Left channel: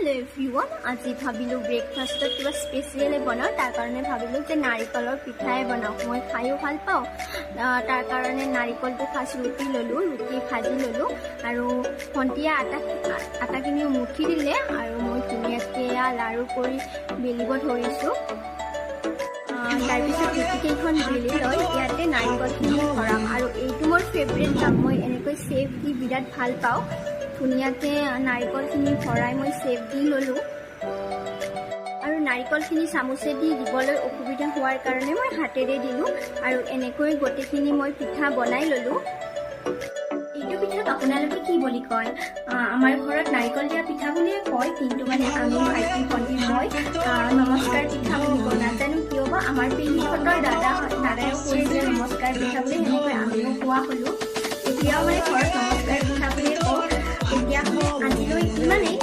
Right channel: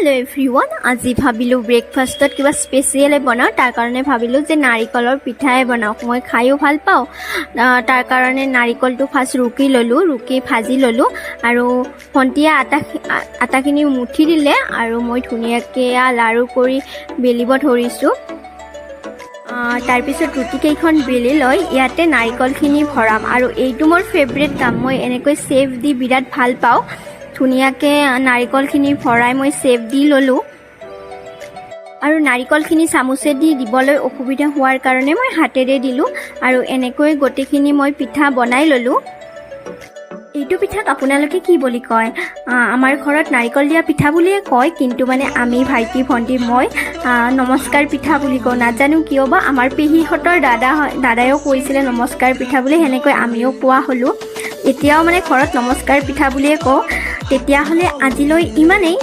Hello' everyone, আজি ভাবিলোঁ ব্ৰেকফাষ্টত কিবা স্পেচিয়েলে বনাওঁ। তাৰ কাৰণে ভাবিলোঁ যে নাৰিকলৰ পিঠাই বনাওঁ। মই খায়ো ভাল পাওঁ। তাৰ কাৰণে নাৰিকলটো ফাৰ্ষ্ট ৰুকি ভাজি ল'লোঁ আৰু ভণ্টিয়ে আটাখিনি মুঠি দিলে আৰু মই ধুনীয়াকৈ লাৰু কৰি বেলিব ধৰিছোঁ। তাৰপিছত ৰুটিকেইখন বেলি লৈ ইয়াতে নাৰিকলখিনি ভৰাম আৰু এইটো মোৰ ফেভৰেট কাম। মই এনেকৈ চেফ দি বিৰাট ভাল পাওঁ। ধুনীয়াকৈ নাৰিকলখিনি ভৰাই মই চেপ দি ল'লোঁ আৰু নাৰিকলখিনি চামুচেদি দিবলৈ অসুবিধা হোৱাৰ কাৰণে মই হাতেৰে দিলোঁ আৰু এনেকৈ গোটেইখিনি মই পিঠা বনাই ল'লোঁ। এইটো পিঠাক আপোনালোকে কি বুলি কয়? আমাৰ ঘৰত নাৰিকল দিয়া পিঠা বুলিয়ে কয়, কিন্তু মানে আমি ভাইটি ভণ্টি মই নমস্কাৰ পিঠা বুলি কওঁ। নাজানো কিয় বা আমাৰ পেহীহঁতৰ দাদায়ো কৈছিলে নমস্কাৰ পিঠা বুলি, সেনেকৈ আমিও কোৱা হ'লোঁ। এতিয়াও মানে ঘৰত নমস্কাৰ পিঠা বুলিয়ে কওঁ। তেতিয়াহ'লে আজিলৈ ইমানেই।